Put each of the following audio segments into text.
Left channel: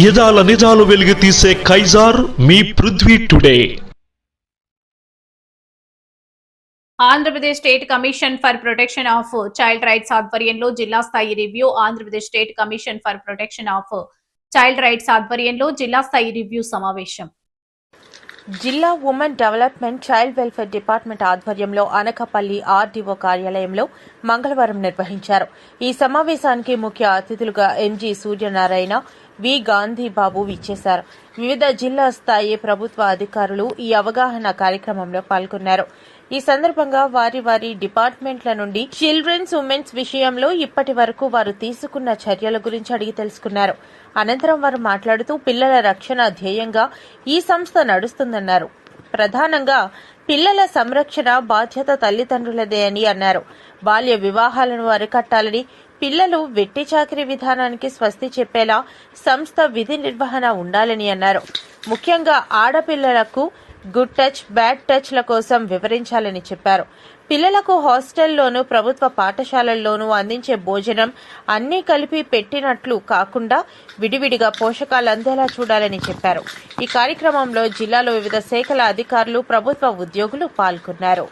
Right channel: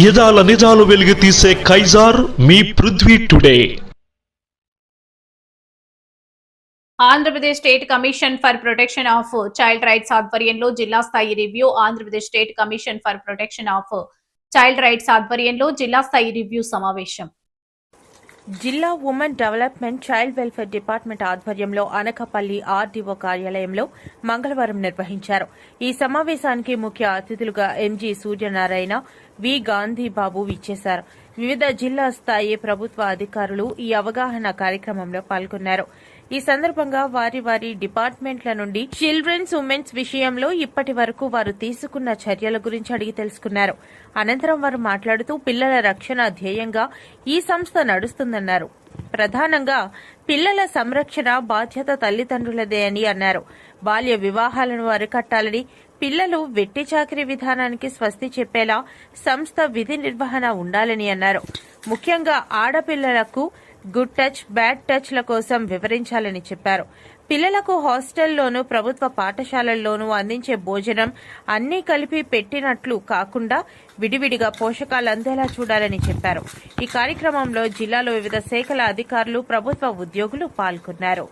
యదాల నిజాలు వెలుగు తీసే Kaiser me Prithvi today. Andhra Pradesh state commission for protection of child rights ఆధ్వర్యంలో జిల్లా స్థాయి review. Andhra Pradesh state commission for protection of child rights ఆధ్వర్యంలో జిల్లా స్థాయి రివ్యూ సమావేశం. జిల్లా women development child welfare department ఆధ్వర్యంలో అనకాపల్లి ఆర్డీఓ కార్యాలయంలో మంగళవారం నిర్వహించారు. ఈ సమావేశానికి ముఖ్య అతిథులుగా ఎంజీ సూర్యనారాయణ, వి గాంధీబాబు విచ్చేశారు. వివిధ జిల్లా స్థాయి ప్రభుత్వ అధికారులు ఈ అవగాహన కార్యక్రమంలో పాల్గొన్నారు. ఈ సందర్భంగా వారి వారి డిపార్ట్మెంట్ల నుండి చిల్డ్రన్స్ ఉమెన్స్ విషయంలో ఇప్పటి వరకు వారు తీసుకున్న చర్యల గురించి అడిగి తెలుసుకున్నారు. అనంతరం వారు మాట్లాడుతూ పిల్లల రక్షణ ధ్యేయంగా ఈ సంస్థ నడుస్తుందన్నారు. ప్రధానంగా పిల్లల సంరక్షణ బాధ్యత తల్లిదండ్రులదే అని అన్నారు. బాల్య వివాహాలను అరికట్టాలని, పిల్లలు వెట్టి చాకిరీ విధానానికి స్వస్తి చెప్పేలా సంస్థ విధి నిర్వహణ ఉండాలని అన్నారు. ముఖ్యంగా ఆడపిల్లలకు గుడ్ టచ్, బ్యాడ్ టచ్ల కోసం వివరించాలని చెప్పారు. పిల్లలకు హాస్టల్లోనూ ప్రభుత్వ పాఠశాలల్లోనూ అందించే భోజనం అన్నీ కలిపి పెట్టినట్లు కాకుండా విడివిడిగా పోషకాలు అందేలా చూడాలని చెప్పారు. ఈ కార్యక్రమంలో జిల్లాలో వివిధ శాఖల అధికారులు, ప్రభుత్వ ఉద్యోగులు పాల్గొన్నారు.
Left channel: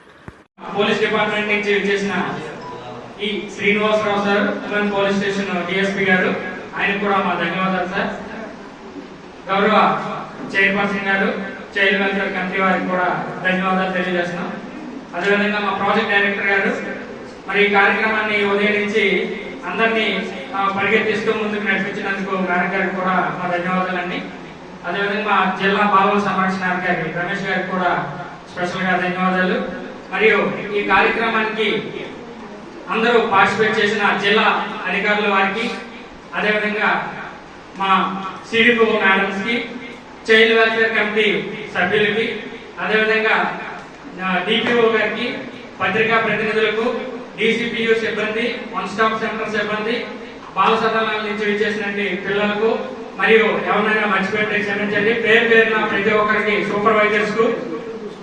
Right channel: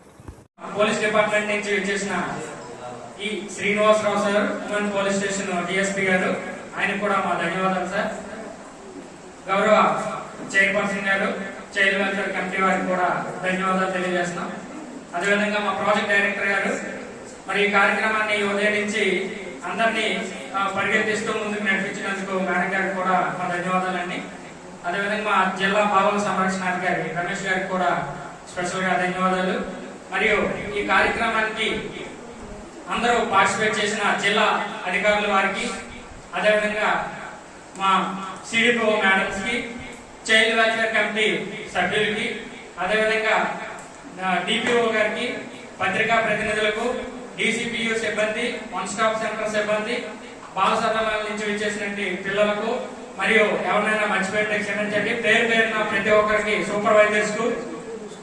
పోలీస్ డిపార్ట్మెంట్ నుంచి వచ్చేసిన ఈ Srinivasarao sir, women police station DSP గారు, ఆయనకు కూడా మా ధన్యవాదాలు సార్. గౌరవ చైర్పర్సన్ గారు, చైల్డ్ వెల్ఫేర్ కమిటీ వారికి కూడా ధన్యవాదాలు తెలియజేస్తున్నాం. అదేవిధంగా మా ప్రాజెక్ట్ డైరెక్టర్ గారు మరి ఈ కార్యక్రమాన్ని ఉదయం నుంచి అందరినీ పరిగెత్తిస్తూ ముందుకు నడిపించినందుకు మేడం గారికి కూడా మా ధన్యవాదాలండి. అదేవిధంగా మా జిల్లా బాలల సంరక్షణ అధికారి రమేష్ గారికి కూడా స్పెషల్ గా ధన్యవాదాలు. మరియు ఈ కార్యక్రమానికి అందరూ పార్టిసిపేట్ చేసిన జిల్లా అధికారుల వారికి, అదేవిధంగా మా సిడిపో మేడమ్స్ కి, చైల్డ్ వెల్ఫేర్ కమిటీ సభ్యులకి, అదేవిధంగా డిపిఓ గారికి, పత్రికా ప్రతినిధులకు, డిసిపియు సిబ్బంది, వన్ స్టాప్ సెంటర్ సిబ్బంది, బాల సదనాల నుంచి విచ్చేసినటువంటి పిల్లలకు, మరియు ఎవరైనా మర్చిపోతే క్షమించండి. పేరు పేరున ప్రతి ఒక్కరికి, సూపర్వైజర్స్ కు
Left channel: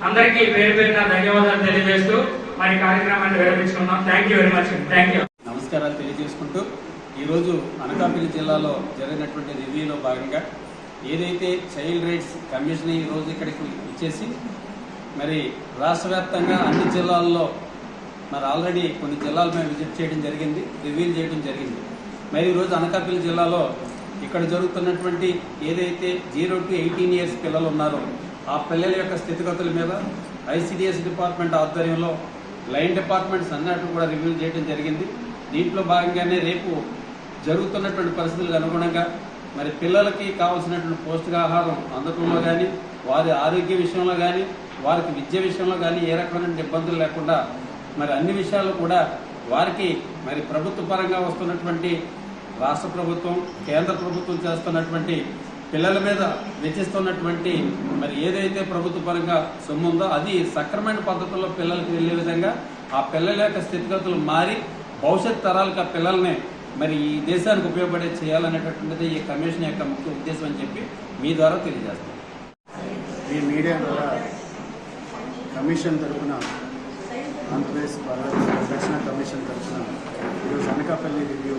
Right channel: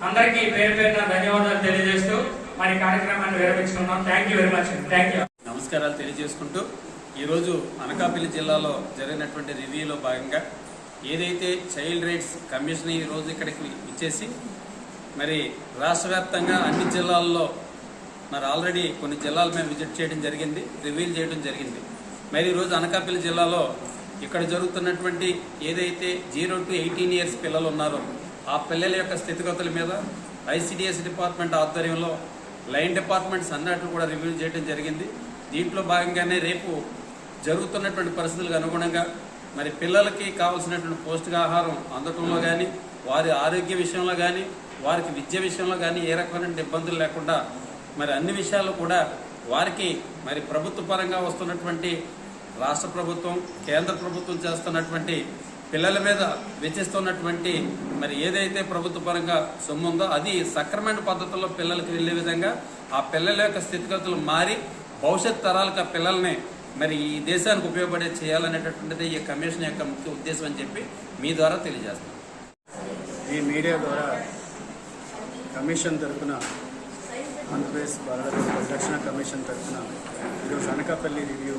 అందరికీ పేరు పేరున ధన్యవాదాలు తెలియజేస్తూ మరి కార్యక్రమాన్ని విరమించుకున్నాం. Thank you very much. Thank you. నమస్కారాలు తెలియజేసుకుంటూ ఈరోజు అనకాపల్లి జిల్లాలో జరిగినటువంటి రివ్యూలో భాగంగా ఏదైతే చైల్డ్ రైట్స్ కమిషన్ ఈ రోజు ఇక్కడికి ఇచ్చేసి మరి రాష్ట్ర వ్యాప్తంగా అన్ని జిల్లాల్లో మరి ఆల్రెడీ కొన్ని జిల్లాలు మేము విజిట్ చేయడం జరిగింది, రివ్యూలు చేయడం జరిగింది. మరి ఈరోజు అనకాపల్లి జిల్లాలో ఇక్కడ జరుగుతున్నటువంటి ఏదైతే 0 to 18 years పిల్లలు ఉన్నారో ఆ పిల్లల యొక్క స్థితిగతుల మీద ఐసిడిఎస్ డిపార్ట్మెంట్ ఆధ్వర్యంలో లైన్ డిపార్ట్మెంట్స్ అన్నట్టు కూడా రివ్యూ చేయడం జరిగింది. దీంట్లో భాగంగానే రేపు జరుగుతున్నటువంటి పరిస్థితులకు అనుగుణంగా మరి పిల్లలకి కావాల్సినటువంటి పౌష్టికాహారం అందటంలో కానీ, వారి ఆరోగ్య విషయంలో కానీ, వారికి విద్య విషయంలో కానీ ఏ రకమైన ఇబ్బందులు లేకుండా మరి అన్ని విషయాలు కూడా వారికి మరి ప్రభుత్వ పరంగా వస్తున్నటువంటి రాష్ట్ర ప్రభుత్వం, కేంద్ర ప్రభుత్వం చేస్తున్నటువంటి పిల్లల మీద వెచ్చిస్తున్నటువంటి మరి ఏదైతే ప్రభుత్వ పరంగా సొమ్ము ఉందో అది సక్రమైన పద్ధతుల్లో పిల్లలకు వెళ్లే విధంగా ఆ పిల్లల యొక్క స్థితిగతులు మారి భవిష్యత్ తరాలకు ఆ పిల్లల్ని మరి ఈ దేశానికి ఉపయోగపడే చేయాలనేటటువంటిది ఈ కమిషన్ యొక్క ముఖ్య ఉద్దేశం అని చెప్పి మీ ద్వారా తెలియజేస్తాం. ఈ మీడియా ద్వారా కమిషన్ తరఫున, ఆంధ్రప్రదేశ్ రక్షణ కమిషన్ తరఫున ఈరోజు అనకాపల్లి రివ్యూ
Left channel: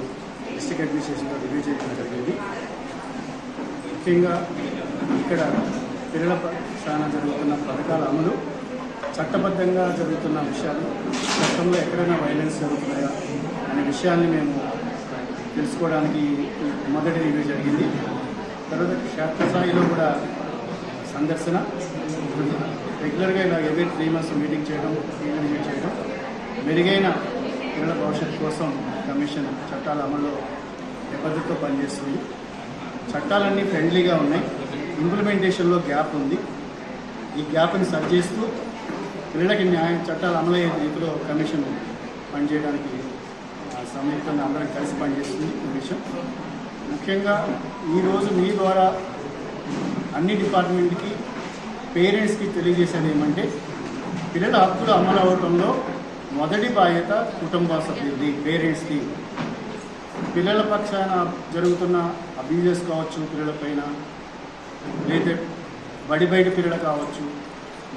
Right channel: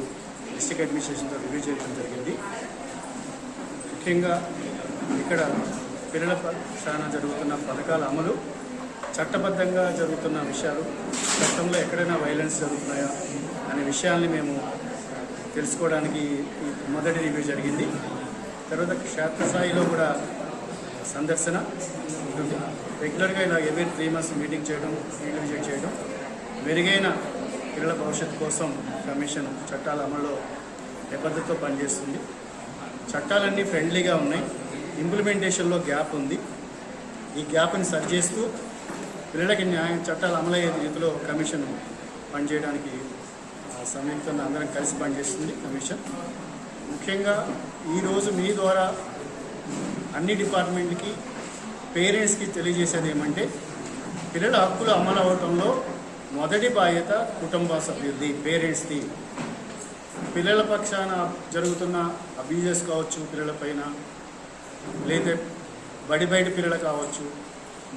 డిస్ట్రిక్ట్ అడ్మినిస్ట్రేషన్తో రివ్యూ చేయడం జరిగింది. ముఖ్యంగా ఇక్కడ పిల్లల పక్షాన జరుగుతున్న పథకాల అమలు, చట్టబద్ధంగా జరుగుతున్న విషయాలు, చట్టంలో ఎక్కడైనా వైలెన్స్ జరుగుతున్నాయా అనే విషయాన్ని మేము తెలుసుకోవడానికి మొదటి రివ్యూ జరిగింది. తర్వాత క్షేత్రస్థాయిలో కూడా సందర్శన, రెగ్యులర్గా ఇలా ఎవరీ 3 months మీటింగ్ చేయడం, విజిట్ చేయడం, మెరుగైన పిల్లల భవిష్యత్తు కోసం కమిషన్ చట్టాల అమల్లో నిబద్ధతతో పనిచేస్తుంది. చట్టాలన్నీ ఫ్రెండ్లీగా ఉన్నాయి, ఇంప్లిమెంటేషన్లో గ్యాప్ ఉంది. ఈ గ్యాప్ని సరి చేస్తూ పిల్లలకి న్యాయం చట్టాలు అమలయ్యే రీతిలో కమిషన్ పనిచేయడానికి సంయుక్తంగా అందరం కలిసి పనిచేస్తుంది కమిషన్. ముఖ్యంగా ఈరోజు మీ ద్వారా అన్ని డిపార్ట్మెంట్కి, పేరెంట్స్కి తెలియజేసేది ఏమంటే పిల్లల హక్కులు అమలు అవ్వడంలో మొదటి బాధ్యత కుటుంబ సభ్యులది, పేరెంట్స్ది. పిల్లల పక్షాన జరుగుతున్న అబ్యూజెస్ కావచ్చు, పిల్లల పైన లేదా బయట పిల్లలు కావచ్చు,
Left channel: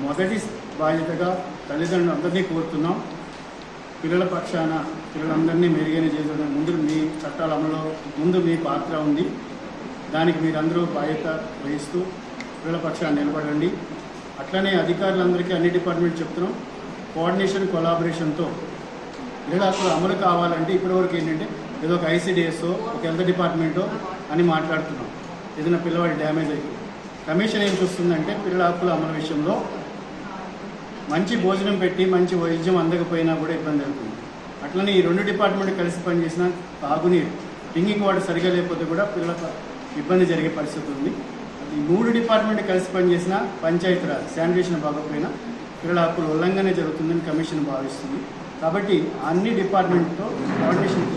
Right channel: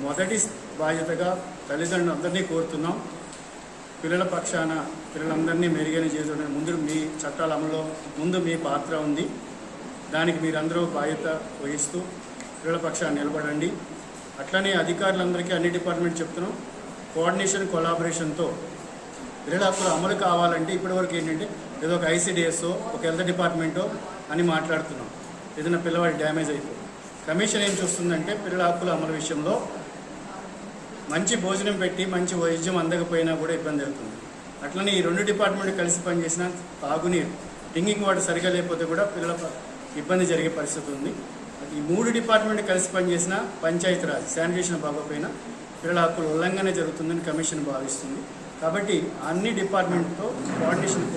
మొదటి బాధ్యతగా తల్లిదండ్రులు అందరినీ కోరుతున్నాం. పిల్లల పక్షాన పిల్లలందరినీ మెరుగైన చేసే ముందు మీ చట్టాల అమలులో ముందు మీ పాత్ర ఉంది. దానికి మీరందరూ బాధ్యత వహిస్తూ పిల్లల పక్షాన్ని నిలబడండి. అట్లనే అధికారులందరికీ అన్ని డిపార్ట్మెంట్ చెప్తున్నాం, కోఆర్డినేషన్ కొలాబరేషన్తో పిల్లల హక్కులు అమలు కావాలంటే ఇప్పటివరకు ఏంటంటే ఏదో ఒక ఐసీడీఎస్ఓ ఒక హెల్త్ డిపార్ట్మెంటో అని మాట్లాడుతున్నాం. ఏదైనా పిల్లవాడి డ్యామేజ్ అయిపోయి కమిషన్ ఏం చూస్తుందంటే పిల్లల హక్కుల అమలు విషయంలో మంచి భోజనం పెట్టి మంచి వైద్యం అందకపోయినా కూడా ఇబ్బంది అవుతుంది. అట్లనే ఈ 2 డిపార్ట్మెంట్ కలిసి పనిచేసిన తాగునీరు డ్రింకింగ్ వాటర్ సరిగా లేకపోతే కూడా పిల్లలకు ఇబ్బంది జరిగే పరిస్థితి ఉంది. ఈ 3 డిపార్ట్మెంట్ కలిసి పనిచేసిన పంచాయతీరాజ్ శానిటేషన్ బాగోపోయినా పిల్లల హక్కుల ఉల్లంఘన జరుగుతుందని కమిషన్ భావిస్తుంది. కాబట్టి అన్ని డిపార్ట్మెంట్తో కోఆర్డినేషన్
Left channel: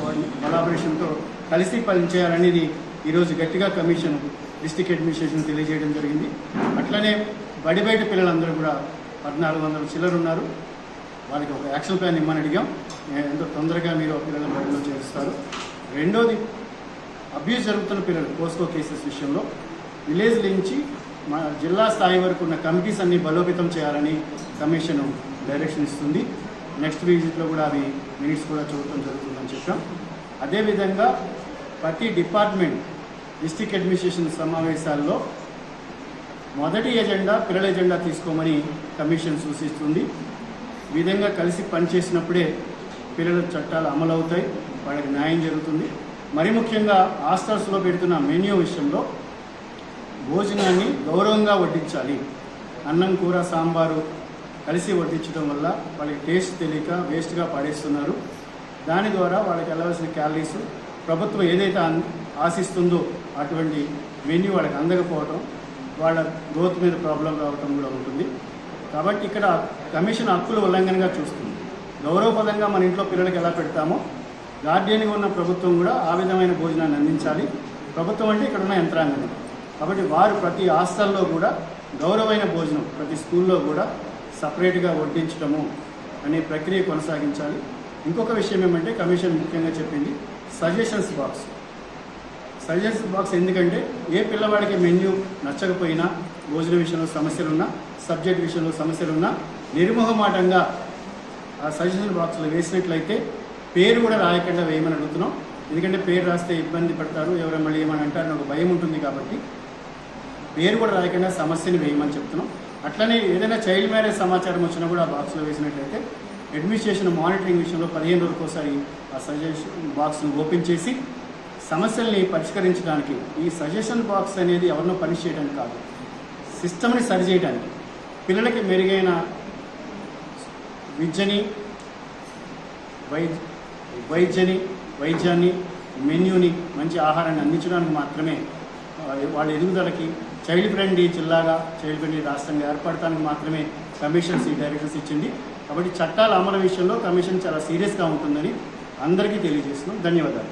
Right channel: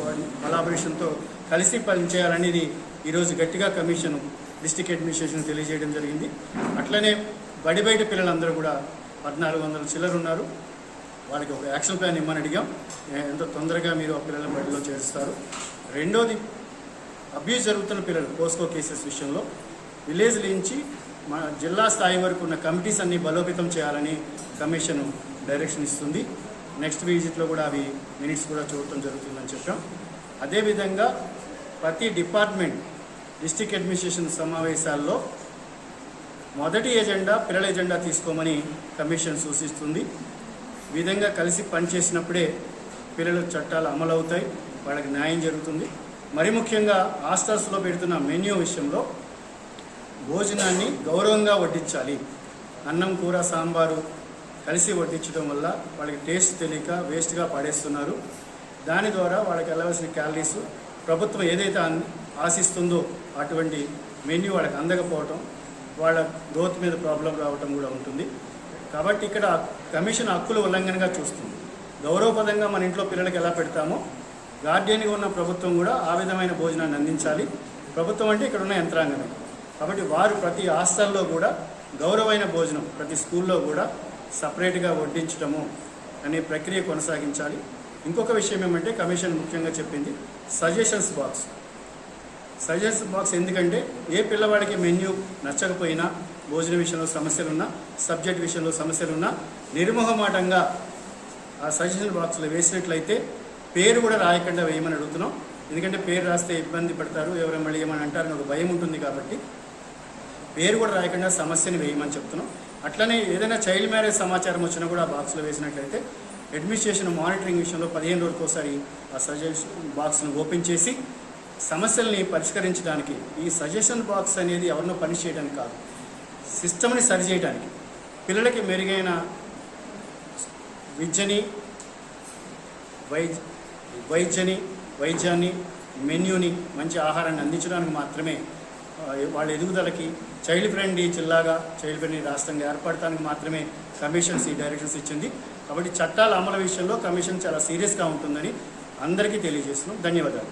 కొలాబరేషన్తో కలిసి పనిచేయాలనేది ఈరోజు గట్టిగా కమిషన్ డిస్ట్రిక్ట్ అడ్మినిస్ట్రేషన్ తెలియజేయడం జరిగింది. అట్లనే బయట పిల్లలందరూ కూడా 1400 చిల్లర ఉన్నారు. వాళ్ళకి ఒక యాక్షన్ ప్లాన్ ఇమ్మని అడిగాం. ఎంతో తొందరగా మీరు పిల్లలను బడిలో చేరుస్తారు. రెండోది, అబ్యూస్ జరుగుతున్న పిల్లలు పోస్కో కేసెస్ విషయంలో విలేజ్ నుంచి మన జిల్లా స్థాయి వరకు ఉన్న కమిటీస్ అన్ని బలోపేతం చేయాలని కమిషన్ డైరెక్షన్ ఇస్తుంది. నెక్స్ట్ విజిట్లో కూడా అవి మినిట్స్ కూడా చూడటం జరుగుతుందని చెప్పాం. అదేవిధంగా ప్రతి డిపార్ట్మెంట్ డిస్ట్రిక్ట్ అడ్మినిస్ట్రేషన్ సమావేశాల్లో మొదటి ఎజెండా పిల్లల ఎజెండా తీసుకోమని కమిషన్ సూచిస్తుంది. ఈ విధంగా కలిసి పనిచేసినప్పుడే పిల్లల చట్టాలు అమలు అవుతాయి, వాళ్ళకి న్యాయం జరుగుతుంది. మరి ముఖ్యంగా హాస్టల్స్లో పెడుతున్న మెన్యూ విషయంలో భోజనాన్ని గౌరవంగా వడ్డించాలి. అన్నం కూర సాంబారు కలిసి వడ్డించడం వల్ల వాళ్ళకి టేస్ట్ తెలియక వేస్ట్గా పడేస్తున్నారు. దాని ద్వారా వాళ్ళకి వెళ్ళవలసిన క్యాలరీస్ ప్రభుత్వం ఏదైతే ఆశిస్తుందో అటువంటి మెన్యూ వాళ్ళకి అందకపోవడం, వాళ్ళ గ్రోత్ మీద ప్రాబ్లం రావటం కూడా ఉంటుంది. కాబట్టి ఇక్కడ కమిషన్ హక్కుల ఉల్లంఘనగా చూస్తుంది. గౌరవపదంగా మన ఇంట్లో పిల్లలకి ఎలా పెడతామో గార్డియన్గా ఉన్న ప్రభుత్వం కూడా ఆ విధమైన భోజనాన్ని అందించాలి. ప్రభుత్వం అంటే ఇక్కడ ఉన్న యంత్రాంగం. కాబట్టి వారు ప్రతి హాస్టల్లో కూడా గౌరవమైన భోజనం ప్రతి స్కూల్లో కూడా సపరేట్గా వడ్డించడము అనే ప్రక్రియ కొనసాగించాలి. ఇంకొక విషయం ఏమంటే కమిషన్ ముఖ్యంగా చెప్పింది సజెషన్స్ బాక్స్. సజెషన్స్ బాక్స్ ఎందుకంటే ఏ పిల్లవాడికి మెన్యూ నచ్చకపోయినా, భోజన విషయంలో సమస్యలున్నా, సబ్జెక్ట్ విషయంలో సమస్యలున్నా నిర్మోహమాటంగా ఆ సజెషన్ బాక్స్లో వేసినట్లయితే పేరు కూడా రాయకుండా వేయమని అడుగుతున్నాం. ఎందుకంటే పేరు రాస్తే ఇబ్బంది పడతారు, ఎవరైనా మళ్ళీ ఏమని అంటారని ఒక భయం ఉంటుంది. కాబట్టి పేరు కూడా రాయకుండా సమస్యని వేయమని చెప్తున్నాం. అట్లనే ఏదైనా చైల్డ్ మ్యారేజ్ సమాచారం వచ్చినా కూడా ఆ బాక్స్లో వేసినట్లయితే అడ్మినిస్ట్రేషన్ మానిటరింగ్ విషయంలో 15 రోజులకు ఒకసారి ఆ సజెషన్ బాక్స్ను ఓపెన్ చేసి సమస్యల్ని పరిష్కరించడానికి, ఈ సజెషన్ బాక్స్ అనేది ఎవరినో పని చేయడానికి కాదు, సిస్టమ్ని సరిచేయడానికి, పిల్లలకి మెరుగైన విద్యని వైద్యాన్ని మెన్యూని మంచి ఆహారాన్ని అందించడానికి మాత్రమే, వాళ్ళ ఎదుగుదలకి చైల్డ్ ఫ్రెండ్లీ జిల్లాగా చైల్డ్ ఫ్రెండ్లీ రాష్ట్రంగా ఏర్పడటానికి మాత్రమే కమిషన్స్ ఈ డైరెక్షన్స్ ఇచ్చింది. కాబట్టి చట్టాల అమలు విషయంలో కమిషన్ చాలా సీరియస్గా ఉంటుందని అందరికీ తెలియజేస్తున్నాం. ధన్యవాదాలు.